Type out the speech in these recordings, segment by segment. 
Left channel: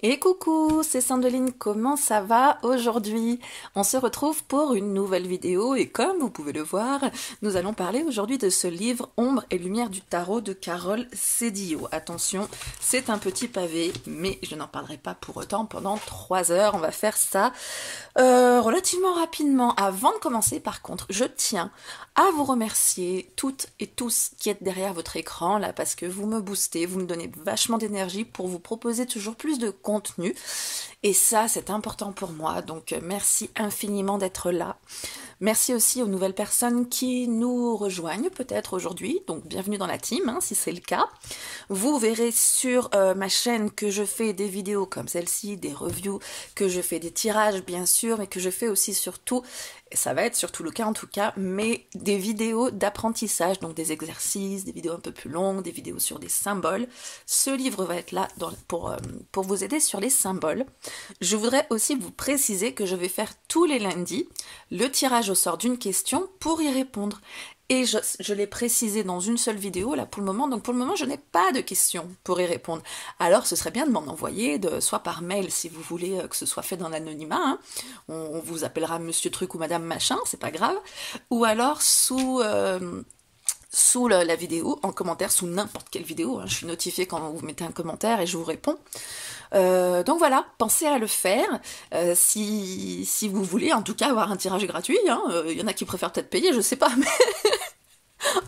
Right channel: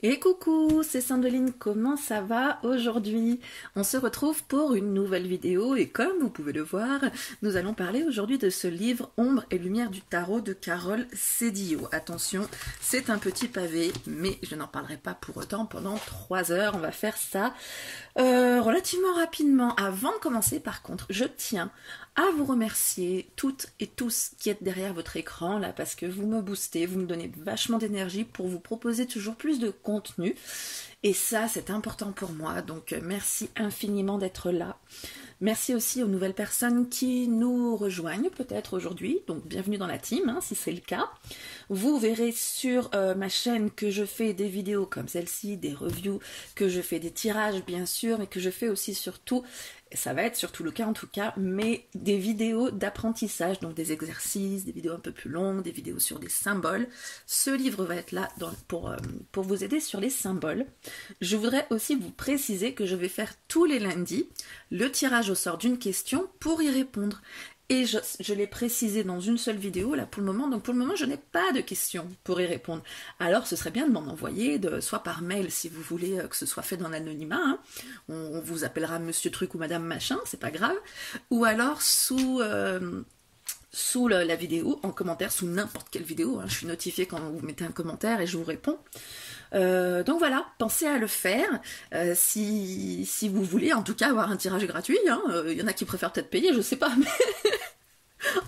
Et coucou, c'est Sandeline, comment ça va aujourd'hui? On se retrouve pour une nouvelle vidéo et comme vous pouvez le voir, nous allons parler aujourd'hui de ce livre Ombre et lumière du tarot de Carole Cédillo. Attention, c'est un petit pavé, mais je n'en parlerai pas pour autant pendant 3 heures. On va faire ça relativement rapidement. Avant de commencer, par contre, je tiens à vous remercier toutes et tous qui êtes derrière votre écran là parce que vous me boostez, vous me donnez vachement d'énergie pour vous proposer toujours plus de contenu et ça c'est important pour moi, donc merci infiniment d'être là. Merci aussi aux nouvelles personnes qui nous rejoignent peut-être aujourd'hui, donc bienvenue dans la team si c'est le cas. Vous verrez sur ma chaîne que je fais des vidéos comme celle-ci, des reviews, que je fais des tirages bien sûr, mais que je fais aussi surtout, et ça va être surtout le cas en tout cas, mais des vidéos d'apprentissage, donc des exercices, des vidéos un peu plus longues, des vidéos sur des symboles. Ce livre va être là pour vous aider sur les symboles. Je voudrais aussi vous préciser que je vais faire tous les lundis le tirage au sort d'une question pour y répondre. Et je l'ai précisé dans une seule vidéo là pour le moment, donc pour le moment je n'ai pas de questions pour y répondre. Alors ce serait bien de m'en envoyer, soit par mail si vous voulez que ce soit fait dans l'anonymat, on vous appellera monsieur truc ou madame machin, c'est pas grave, ou alors sous la vidéo, en commentaire, sous n'importe quelle vidéo, je suis notifiée quand vous mettez un commentaire et je vous réponds. Donc voilà, pensez à le faire si vous voulez en tout cas avoir un tirage gratuit, y en a qui préfèrent peut-être payer, je sais pas, mais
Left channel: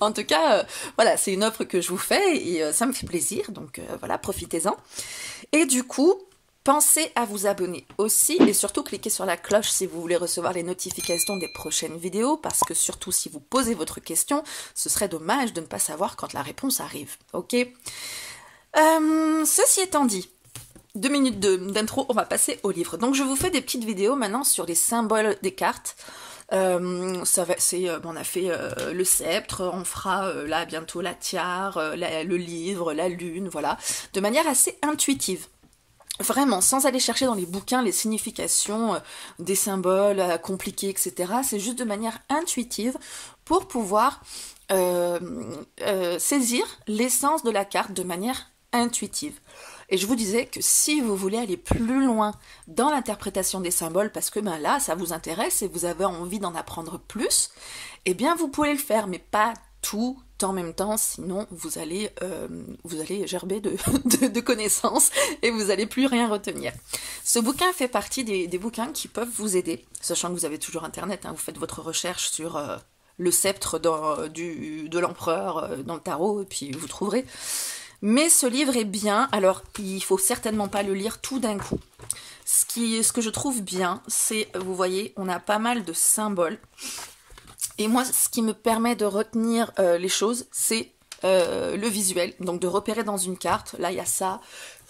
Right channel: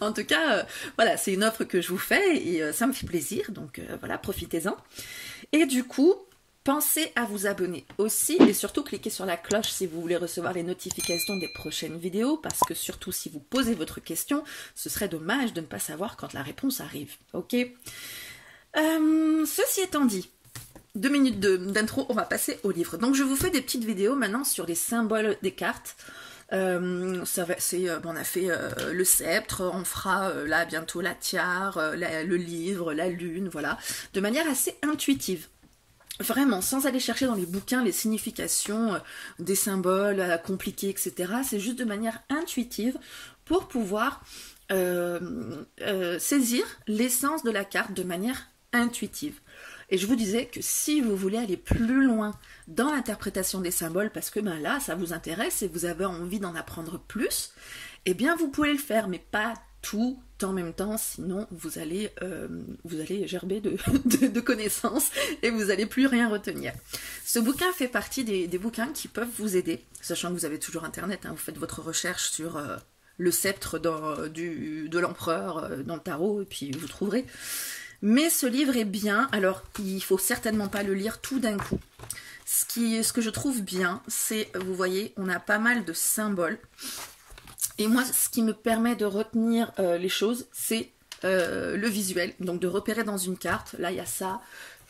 en tout cas, voilà, c'est une offre que je vous fais et ça me fait plaisir, donc voilà, profitez-en. Et du coup, pensez à vous abonner aussi et surtout cliquez sur la cloche si vous voulez recevoir les notifications des prochaines vidéos parce que surtout si vous posez votre question, ce serait dommage de ne pas savoir quand la réponse arrive, ok? Ceci étant dit, 2 minutes d'intro, on va passer au livre. Donc je vous fais des petites vidéos maintenant sur les symboles des cartes. On a fait le sceptre, on fera là bientôt la tiare, le livre, la lune, voilà, de manière assez intuitive. Vraiment, sans aller chercher dans les bouquins les significations des symboles compliqués, etc. C'est juste de manière intuitive pour pouvoir saisir l'essence de la carte de manière intuitive. Et je vous disais que si vous voulez aller plus loin dans l'interprétation des symboles, parce que là, ça vous intéresse et vous avez envie d'en apprendre plus, eh bien, vous pouvez le faire, mais pas tout en même temps, sinon vous allez gerber de connaissances et vous n'allez plus rien retenir. Ce bouquin fait partie des bouquins qui peuvent vous aider, sachant que vous avez toujours Internet, vous faites votre recherche sur le sceptre de l'empereur dans le tarot, et puis vous trouverez. Mais ce livre est bien, alors il faut certainement pas le lire tout d'un coup. Ce que je trouve bien, c'est, vous voyez, on a pas mal de symboles. Et moi, ce qui me permet de retenir les choses, c'est le visuel. Donc de repérer dans une carte, là il y a ça.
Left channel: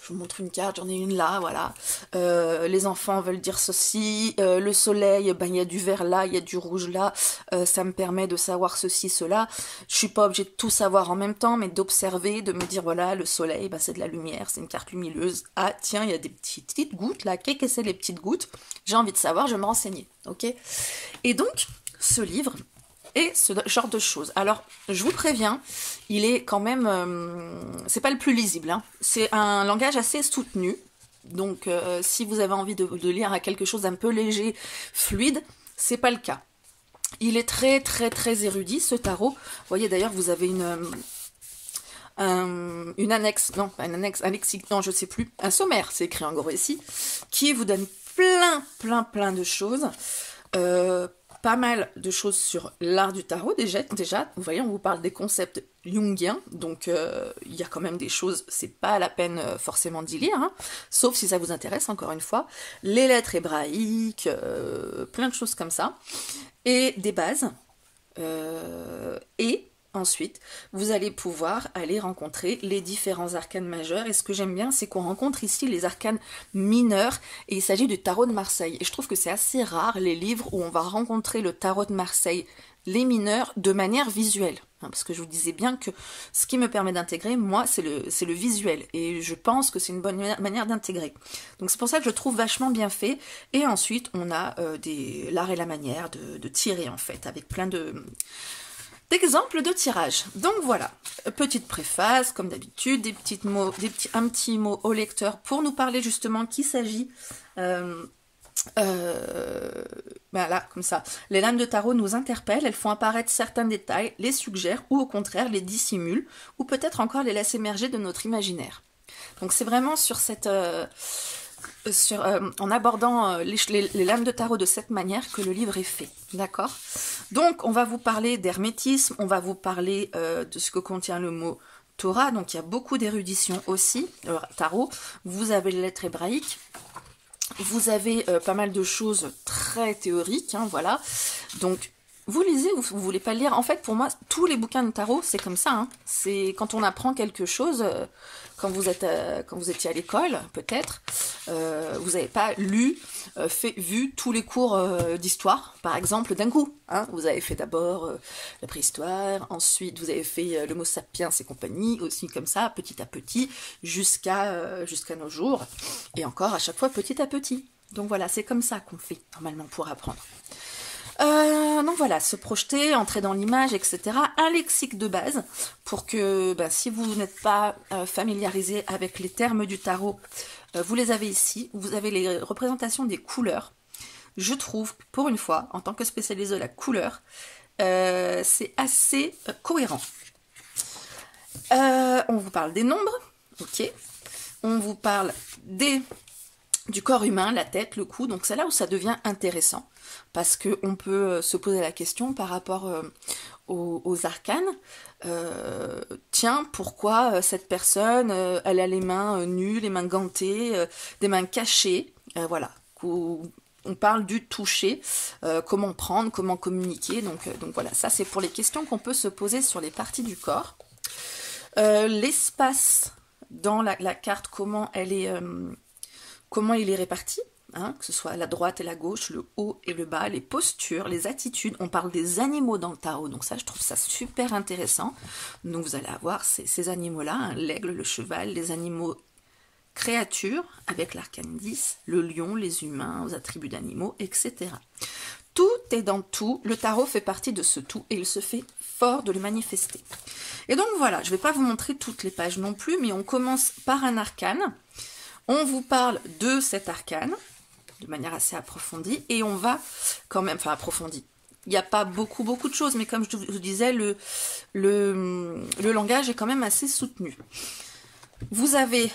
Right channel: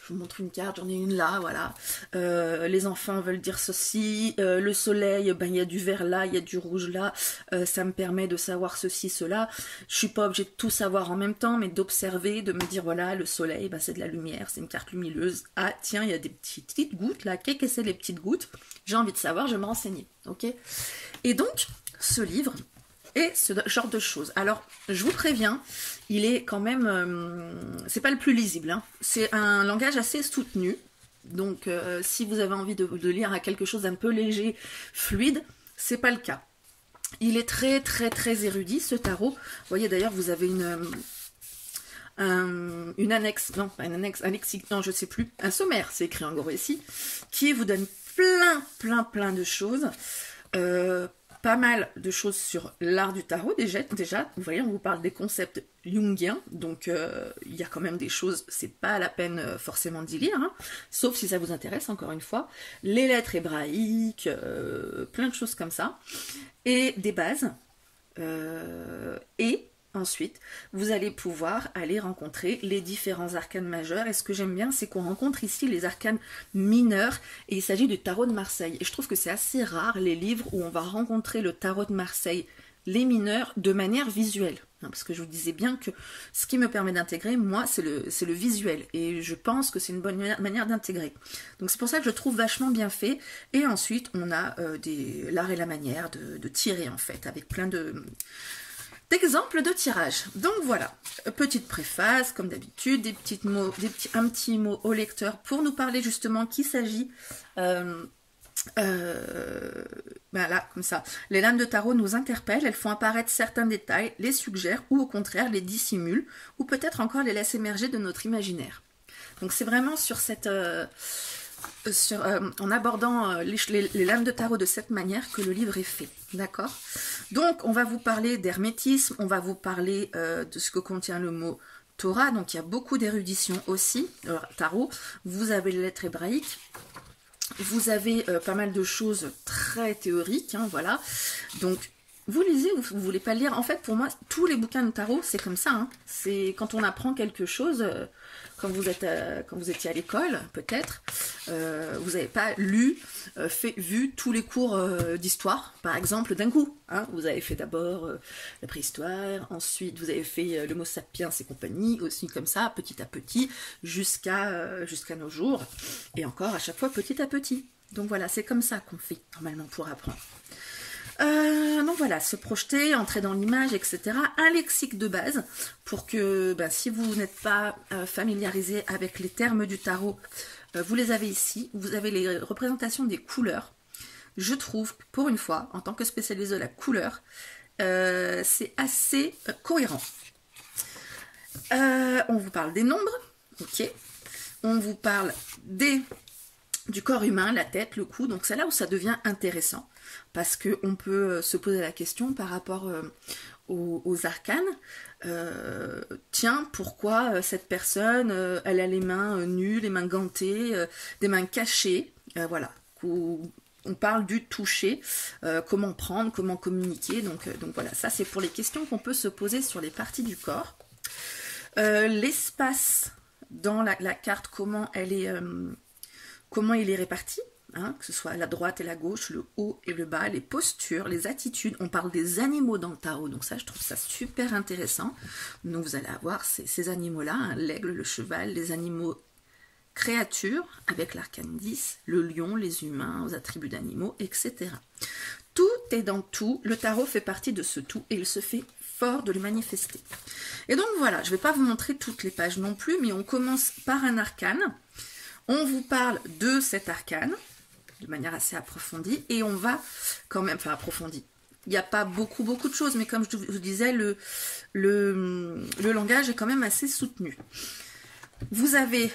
Je vous montre une carte, j'en ai une là, voilà. Les enfants veulent dire ceci. Le soleil, il y a du vert là, il y a du rouge là. Ça me permet de savoir ceci, cela. Je suis pas obligée de tout savoir en même temps, mais d'observer, de me dire, voilà, le soleil, c'est de la lumière, c'est une carte lumineuse. Ah, tiens, il y a des petites gouttes là. Qu'est-ce que c'est les petites gouttes? J'ai envie de savoir, je vais me renseigner, ok? Et donc, ce livre... et ce genre de choses. Alors, je vous préviens, il est quand même... c'est pas le plus lisible. C'est un langage assez soutenu. Donc, si vous avez envie de lire à quelque chose d'un peu léger, fluide, c'est pas le cas. Il est très, très, très érudit, ce tarot. Vous voyez, d'ailleurs, vous avez une annexe, non, pas une annexe, un lexique, non, je sais plus, un sommaire, c'est écrit en gros ici, qui vous donne plein de choses. Pas mal de choses sur l'art du tarot déjà, vous voyez, on vous parle des concepts jungiens, donc il y a quand même des choses, c'est pas la peine forcément d'y lire, sauf si ça vous intéresse, encore une fois, les lettres hébraïques, plein de choses comme ça, et des bases, et ensuite, vous allez pouvoir aller rencontrer les différents arcanes majeurs. Et ce que j'aime bien, c'est qu'on rencontre ici les arcanes mineurs. Et il s'agit du tarot de Marseille. Et je trouve que c'est assez rare, les livres où on va rencontrer le tarot de Marseille, les mineurs, de manière visuelle. Parce que je vous disais bien que ce qui me permet d'intégrer, moi, c'est le visuel. Et je pense que c'est une bonne manière d'intégrer. Donc c'est pour ça que je trouve vachement bien fait. Et ensuite, on a l'art et la manière de tirer, en fait, avec plein de d'exemples de tirage. Donc voilà, petite préface, comme d'habitude, un petit mot au lecteur pour nous parler justement qu'il s'agit... là, comme ça. Les lames de tarot nous interpellent, elles font apparaître certains détails, les suggèrent ou au contraire les dissimulent, ou peut-être encore les laissent émerger de notre imaginaire. Donc c'est vraiment sur cette... en abordant les lames de tarot de cette manière que le livre est fait, d'accord? Donc on va vous parler d'hermétisme, on va vous parler de ce que contient le mot Torah, donc il y a beaucoup d'érudition aussi, le tarot. Vous avez les lettres hébraïques, vous avez pas mal de choses très théoriques, hein, voilà. Donc vous lisez ou vous voulez pas le lire. En fait, pour moi, tous les bouquins de tarot, c'est comme ça, hein. C'est quand on apprend quelque chose... quand vous étiez à l'école, peut-être, vous n'avez pas vu tous les cours d'histoire, par exemple, d'un coup. Hein. Vous avez fait d'abord la préhistoire, ensuite vous avez fait l'Homo sapiens et compagnie, aussi comme ça, petit à petit, jusqu'à nos jours, et encore à chaque fois petit à petit. Donc voilà, c'est comme ça qu'on fait, normalement, pour apprendre. Donc voilà, se projeter, entrer dans l'image, etc. Un lexique de base pour que si vous n'êtes pas familiarisé avec les termes du tarot, vous les avez ici. Vous avez les représentations des couleurs. Je trouve, pour une fois, en tant que spécialiste de la couleur, c'est assez cohérent. On vous parle des nombres, ok. On vous parle du corps humain, la tête, le cou, donc c'est là où ça devient intéressant, parce qu'on peut se poser la question par rapport aux arcanes. Tiens, pourquoi cette personne, elle a les mains nues, les mains gantées, des mains cachées, voilà. On parle du toucher, comment prendre, comment communiquer, donc voilà, ça c'est pour les questions qu'on peut se poser sur les parties du corps. L'espace dans la carte, comment il est réparti, hein, que ce soit la droite et la gauche, le haut et le bas, les postures, les attitudes. On parle des animaux dans le tarot, donc ça, je trouve ça super intéressant. Donc vous allez avoir ces animaux-là, hein, l'aigle, le cheval, les animaux créatures, avec l'arcane 10, le lion, les humains, aux attributs d'animaux, etc. Tout est dans tout, le tarot fait partie de ce tout, et il se fait fort de le manifester. Et donc voilà, je ne vais pas vous montrer toutes les pages non plus, mais on commence par un arcane. On vous parle de cet arcane, de manière assez approfondie, et on va quand même, enfin approfondie. Il n'y a pas beaucoup de choses, mais comme je vous disais, le langage est quand même assez soutenu. Vous avez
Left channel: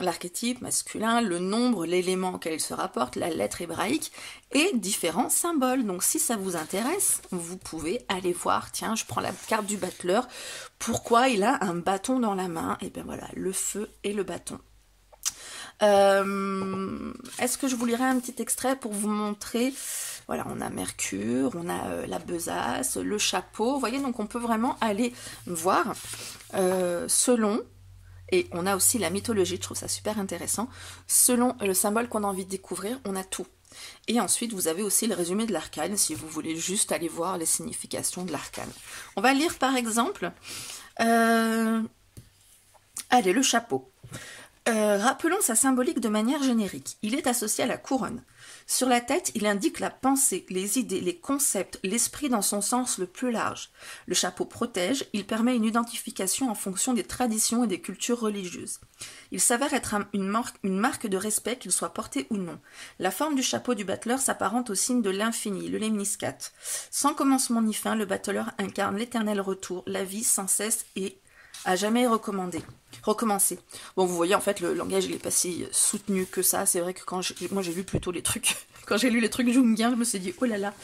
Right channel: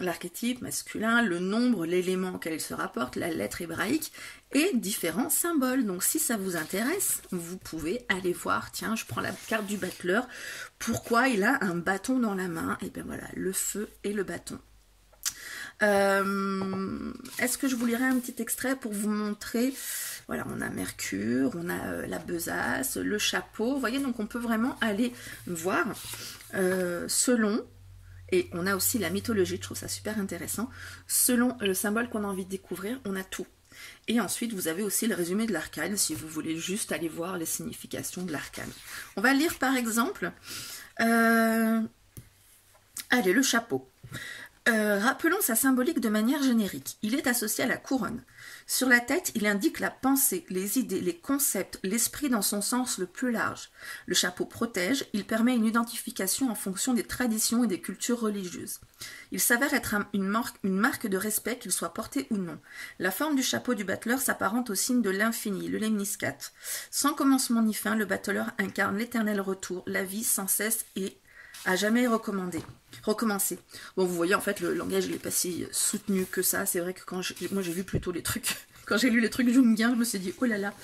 l'archétype masculin, le nombre, l'élément auquel il se rapporte, la lettre hébraïque, et différents symboles. Donc si ça vous intéresse, vous pouvez aller voir, tiens, je prends la carte du battleur, pourquoi il a un bâton dans la main? Et bien voilà, le feu et le bâton. Est-ce que je vous lirai un petit extrait pour vous montrer? Voilà, on a Mercure, on a la besace, le chapeau, vous voyez, donc on peut vraiment aller voir selon... Et on a aussi la mythologie, je trouve ça super intéressant. Selon le symbole qu'on a envie de découvrir, on a tout. Et ensuite, vous avez aussi le résumé de l'arcane, si vous voulez juste aller voir les significations de l'arcane. On va lire par exemple, allez, le chapeau. Rappelons sa symbolique de manière générique. Il est associé à la couronne. Sur la tête, il indique la pensée, les idées, les concepts, l'esprit dans son sens le plus large. Le chapeau protège, il permet une identification en fonction des traditions et des cultures religieuses. Il s'avère être une marque de respect, qu'il soit porté ou non. La forme du chapeau du battleur s'apparente au signe de l'infini, le lemniscate. Sans commencement ni fin, le battleur incarne l'éternel retour, la vie sans cesse et à jamais recommencer. Bon, vous voyez, en fait, le langage, il n'est pas si soutenu que ça. C'est vrai que moi, j'ai lu plutôt les trucs... Quand j'ai lu les trucs jungiens, je me suis dit, oh là là.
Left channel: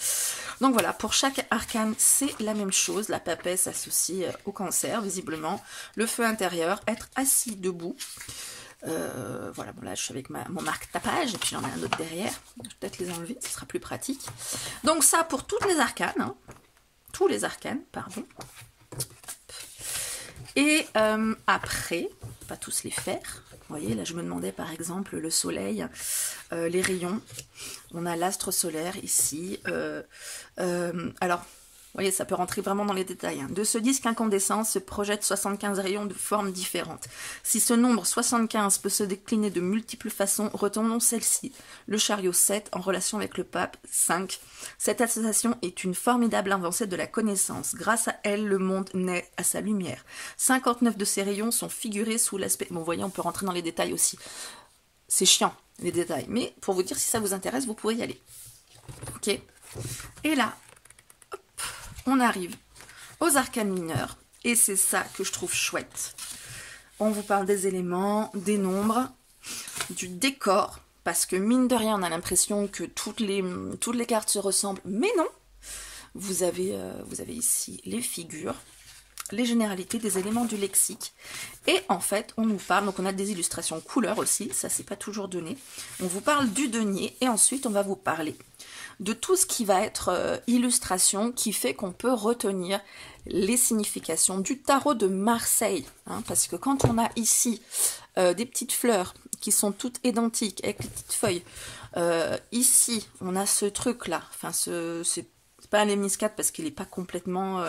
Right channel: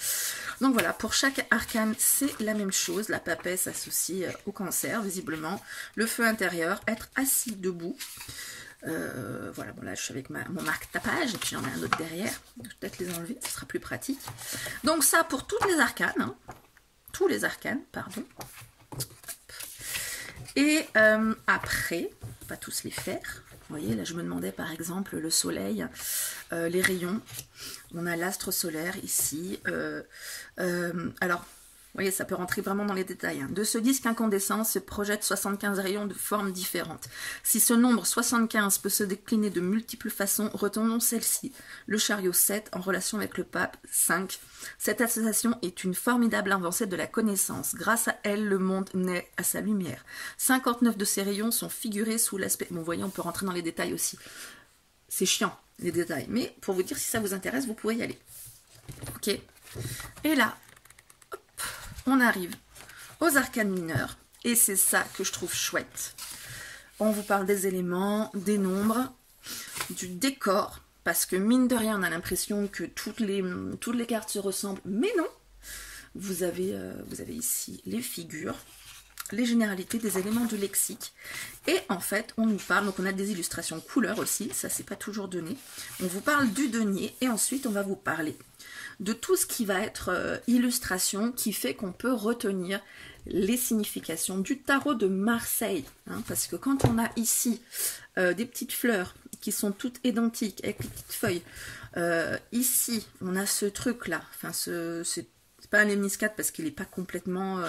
Donc voilà, pour chaque arcane, c'est la même chose. La papesse associée au cancer, visiblement. Le feu intérieur, être assis debout. Voilà, bon là, je suis avec mon marque-tapage. Et puis, j'en ai un autre derrière. Je vais peut-être les enlever, ce sera plus pratique. Donc ça, pour toutes les arcanes. Hein. Tous les arcanes, pardon. Et après, pas tous les faire. Vous voyez, là je me demandais par exemple le soleil, les rayons. On a l'astre solaire ici. Alors, voyez, ça peut rentrer vraiment dans les détails. Hein. De ce disque incandescent se projettent 75 rayons de formes différentes. Si ce nombre 75 peut se décliner de multiples façons, retenons celle-ci. Le chariot 7 en relation avec le pape 5. Cette association est une formidable avancée de la connaissance. Grâce à elle, le monde naît à sa lumière. 59 de ces rayons sont figurés sous l'aspect... Bon, vous voyez, on peut rentrer dans les détails aussi. C'est chiant, les détails. Mais pour vous dire, si ça vous intéresse, vous pouvez y aller. Ok. Et là, hop, on arrive aux arcanes mineurs. Et c'est ça que je trouve chouette. On vous parle des éléments, des nombres, du décor. Parce que mine de rien, on a l'impression que toutes les cartes se ressemblent. Mais non. Vous avez ici les figures, les généralités des éléments du lexique. Et en fait, on nous parle, donc on a des illustrations couleurs aussi, ça c'est pas toujours donné. On vous parle du denier et ensuite on va vous parler de tout ce qui va être illustration qui fait qu'on peut retenir les significations du tarot de Marseille. Hein, parce que quand on a ici des petites fleurs qui sont toutes identiques avec les petites feuilles, ici on a ce truc là, enfin c'est pas un lemniscate parce qu'il n'est pas complètement,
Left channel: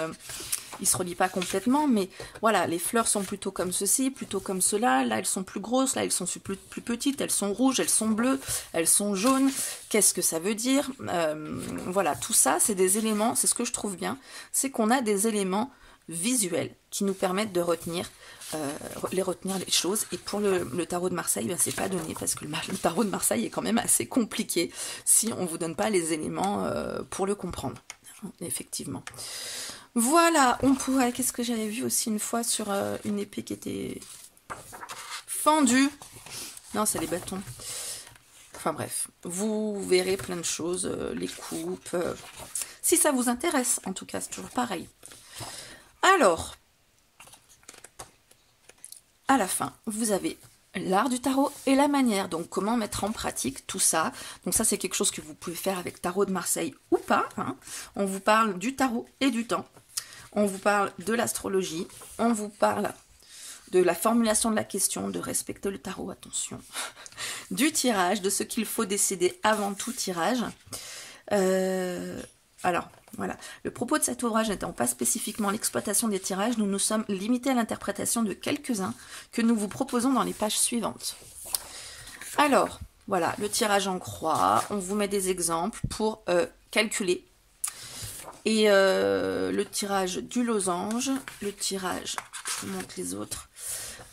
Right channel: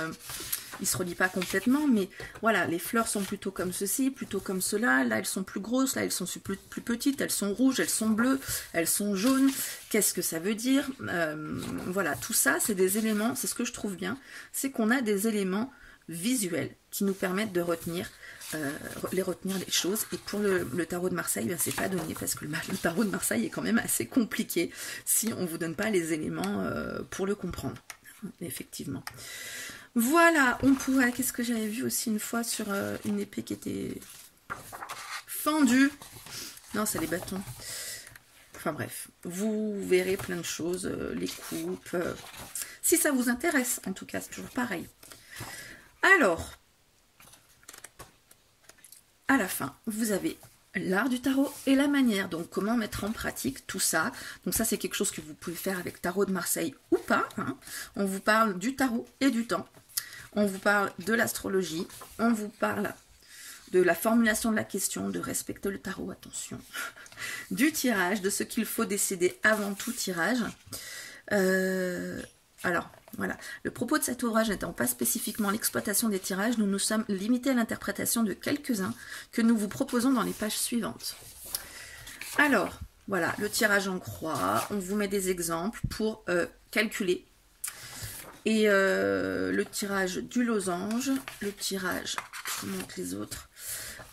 il se relie pas complètement, mais voilà, les fleurs sont plutôt comme ceci, plutôt comme cela. Là, elles sont plus grosses, là, elles sont plus petites, elles sont rouges, elles sont bleues, elles sont jaunes. Qu'est-ce que ça veut dire? Voilà, tout ça, c'est des éléments, c'est ce que je trouve bien, c'est qu'on a des éléments visuels qui nous permettent de retenir les choses. Et pour le tarot de Marseille, ben, c'est pas donné parce que le tarot de Marseille est quand même assez compliqué si on vous donne pas les éléments pour le comprendre. Effectivement. Voilà, on pourrait... Qu'est-ce que j'avais vu aussi une fois sur une épée qui était fendue? Non, c'est les bâtons. Enfin bref, vous verrez plein de choses, les coupes. Si ça vous intéresse, en tout cas, c'est toujours pareil. Alors, à la fin, vous avez l'art du tarot et la manière. Donc, comment mettre en pratique tout ça. Donc, ça, c'est quelque chose que vous pouvez faire avec Tarot de Marseille ou pas. Hein. On vous parle du tarot et du temps. On vous parle de l'astrologie. On vous parle de la formulation de la question, de respecter le tarot, attention. Du tirage, de ce qu'il faut décider avant tout tirage. Alors, voilà. Le propos de cet ouvrage n'étant pas spécifiquement l'exploitation des tirages, nous nous sommes limités à l'interprétation de quelques-uns que nous vous proposons dans les pages suivantes. Alors, voilà, le tirage en croix. On vous met des exemples pour calculer. Et le tirage du losange, le tirage, je vous montre les autres,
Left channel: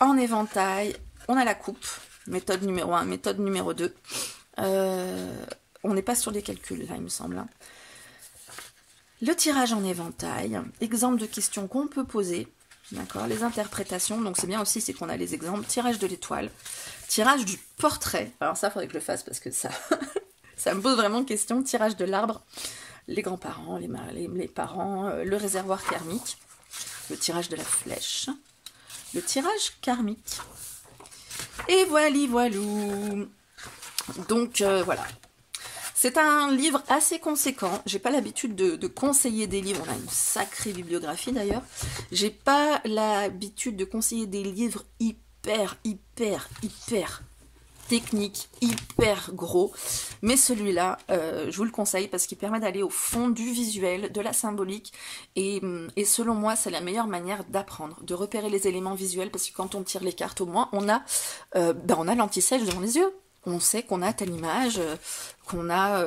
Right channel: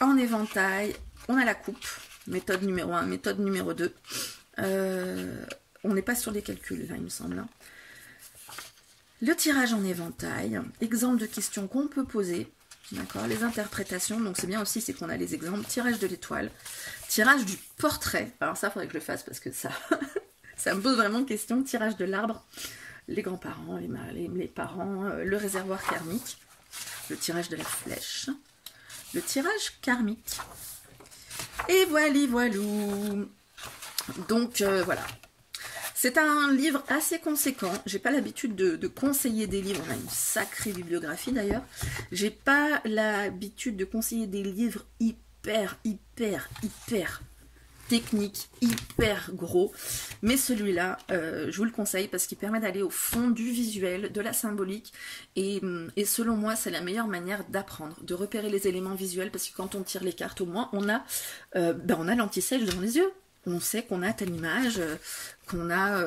en éventail. On a la coupe, méthode numéro 1, méthode numéro 2. On n'est pas sur des calculs, là, il me semble. Hein. Le tirage en éventail, exemple de questions qu'on peut poser, d'accord, les interprétations, donc c'est bien aussi, c'est qu'on a les exemples, tirage de l'étoile, tirage du portrait, alors ça, il faudrait que je le fasse parce que ça, ça me pose vraiment question, tirage de l'arbre, les grands-parents, les parents, le réservoir karmique, le tirage de la flèche, le tirage karmique, et voilou. Donc, voilà. C'est un livre assez conséquent. J'ai pas l'habitude de conseiller des livres. On a une sacrée bibliographie d'ailleurs. J'ai pas l'habitude de conseiller des livres hyper techniques, hyper gros. Mais celui-là, je vous le conseille parce qu'il permet d'aller au fond du visuel, de la symbolique. Et selon moi, c'est la meilleure manière d'apprendre, de repérer les éléments visuels. Parce que quand on tire les cartes, au moins, on a l'anti-sèche devant les yeux. On sait qu'on a telle image, qu'on a,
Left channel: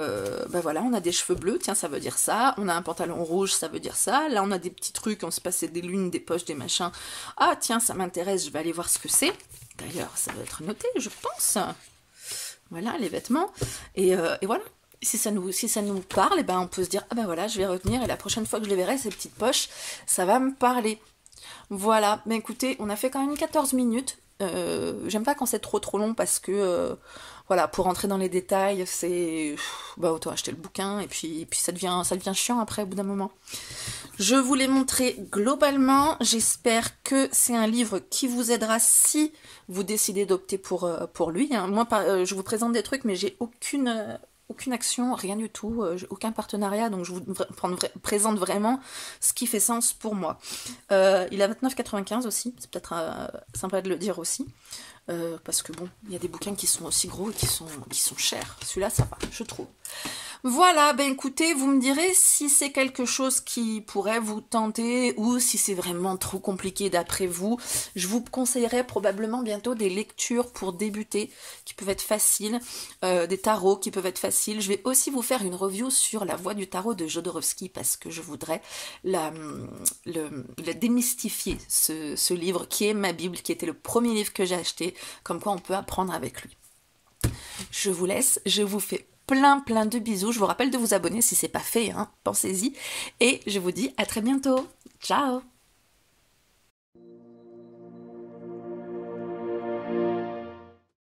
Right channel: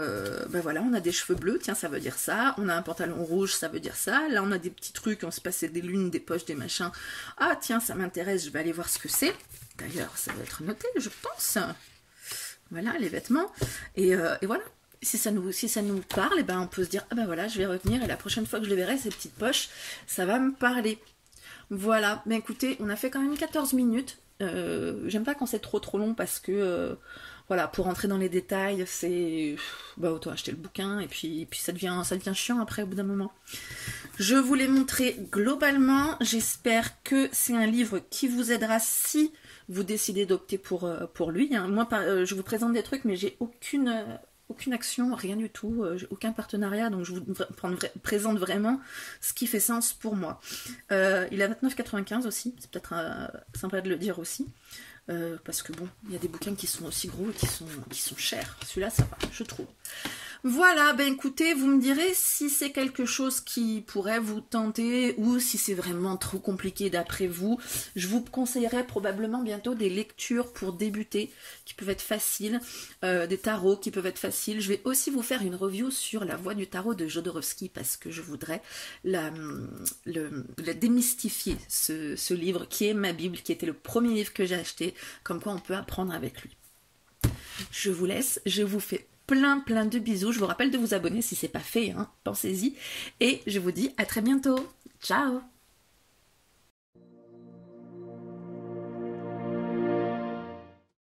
voilà, on a des cheveux bleus, tiens, ça veut dire ça. On a un pantalon rouge, ça veut dire ça. Là, on a des petits trucs, on se passe des lunes, des poches, des machins. Ah, tiens, ça m'intéresse, je vais aller voir ce que c'est. D'ailleurs, ça doit être noté, je pense. Voilà, les vêtements. Et voilà. Si ça nous parle, et ben, on peut se dire, ah ben voilà, je vais retenir, et la prochaine fois que je les verrai, ces petites poches, ça va me parler. Voilà, mais écoutez, on a fait quand même 14 minutes. J'aime pas quand c'est trop long parce que voilà, pour rentrer dans les détails, c'est autant acheter le bouquin et puis ça devient chiant après au bout d'un moment. Je vous l'ai montré globalement, j'espère que c'est un livre qui vous aidera si vous décidez d'opter pour lui. Hein. Moi, je vous présente des trucs, mais j'ai aucune action, rien du tout, aucun partenariat, donc je vous présente vraiment ce qui fait sens pour moi. Il est à 29,95 aussi, c'est peut-être sympa de le dire aussi, parce que bon, il y a des bouquins qui sont aussi gros et qui sont chers. Celui-là, ça va, je trouve. Voilà, ben écoutez, vous me direz si c'est quelque chose qui pourrait vous tenter ou si c'est vraiment trop compliqué d'après vous. Je vous conseillerais probablement bientôt des lectures pour débuter qui peuvent être faciles, des tarots qui peuvent être faciles. Je vais aussi vous faire une review sur La Voix du tarot de Jodorowsky parce que je voudrais la démystifier, ce livre qui est ma Bible, qui était le premier livre que j'ai acheté, comme quoi on peut apprendre avec lui. Je vous laisse, je vous fais plein de bisous. Je vous rappelle de vous abonner si ce n'est pas fait, hein, pensez-y. Et je vous dis à très bientôt. Ciao!